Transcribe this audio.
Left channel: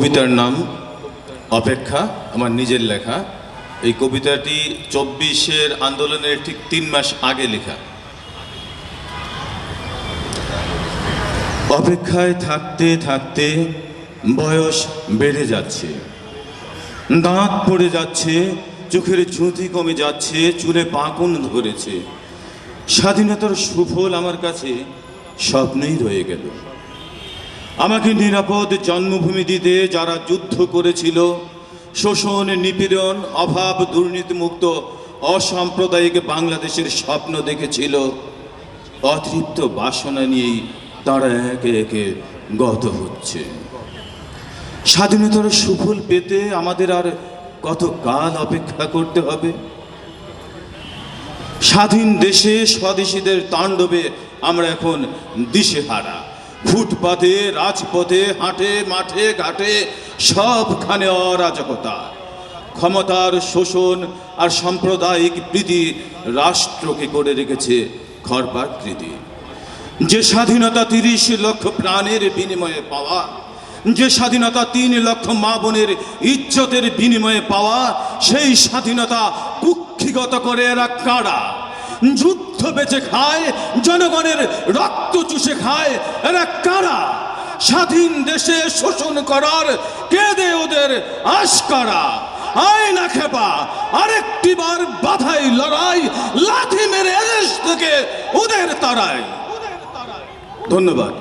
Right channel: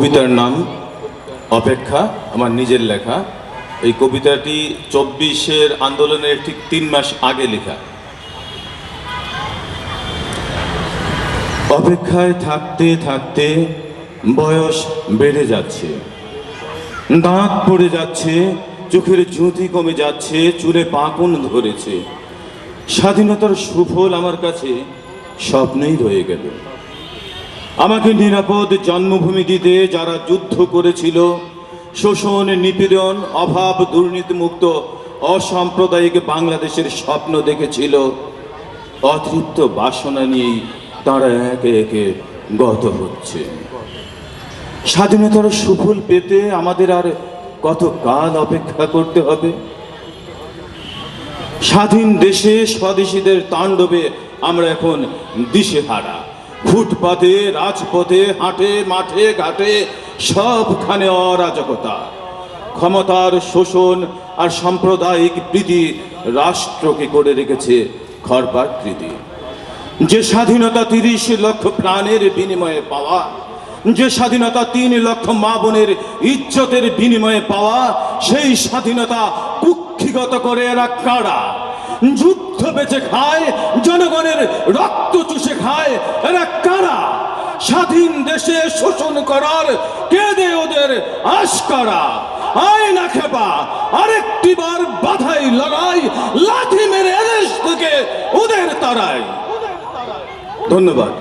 কবিতার নাম অপেক্ষা, আমার নিজের লেখা। এই কবিতাটি 24-এর আন্দোলনের ঠিক 3 মাস আগে লেখা। অপেক্ষায় থাকতে থাকতে বয়স বেড়ে যাচ্ছে, দাঁত পড়ে যাচ্ছে, চোখের জ্যোতি কমে যাচ্ছে, চুলে পাকন ধরেছে। স্বাধীনতার সুফল আমার কাছে স্বপ্নেই রয়ে গেল। আমাকে নিরাপদ জন্মভূমি দিতে যারা যুদ্ধ করেছিল, শোষণ, নিপীড়ন, অভাব, দুর্নীতিমুক্ত অসাম্প্রদায়িক বাংলাদেশের স্বপ্ন দেখেছিল, অতৃপ্ত বাসনা নিয়েই তারা একে একে গত হচ্ছে। স্বাধীনতার সুফল পেতে আমাদের আর কত কাল অপেক্ষা করতে হবে? স্বাধীন দেশে স্বদেশীদের তাণ্ডবে আমরা এখন দিশেহারা। ফুটপাতে, রাজপথে, হাটে, মাঠে, ঘাটে সবখানে অরাজকতা, ক্ষমতার শোষণ আর সাম্প্রদায়িক প্রীতি রাষ্ট্রকে করে রেখেছে খর্বাকৃতি। যে স্বাধীনতা 30 লক্ষ প্রাণের বিনিময়ে পাওয়া, যে স্বাধীনতা 3 লক্ষ মা বোনের ইজ্জতের বিনিময়ে পাওয়া, সেই স্বাধীনতা কুক্ষিগত করে এরা কারা? যুদ্ধ বেঁচে খায়, জনগণের রক্ত চুষে খায়, এরা কারা? স্বাধীন দেশে শোষণ করার কে দেয় ওদের আশকারা? আয় না খেপা, আরেকটি বার বাধাই লড়াই, লাথি মেরে এদেশ থেকে ওদের তাড়ায়। ধন্যবাদ।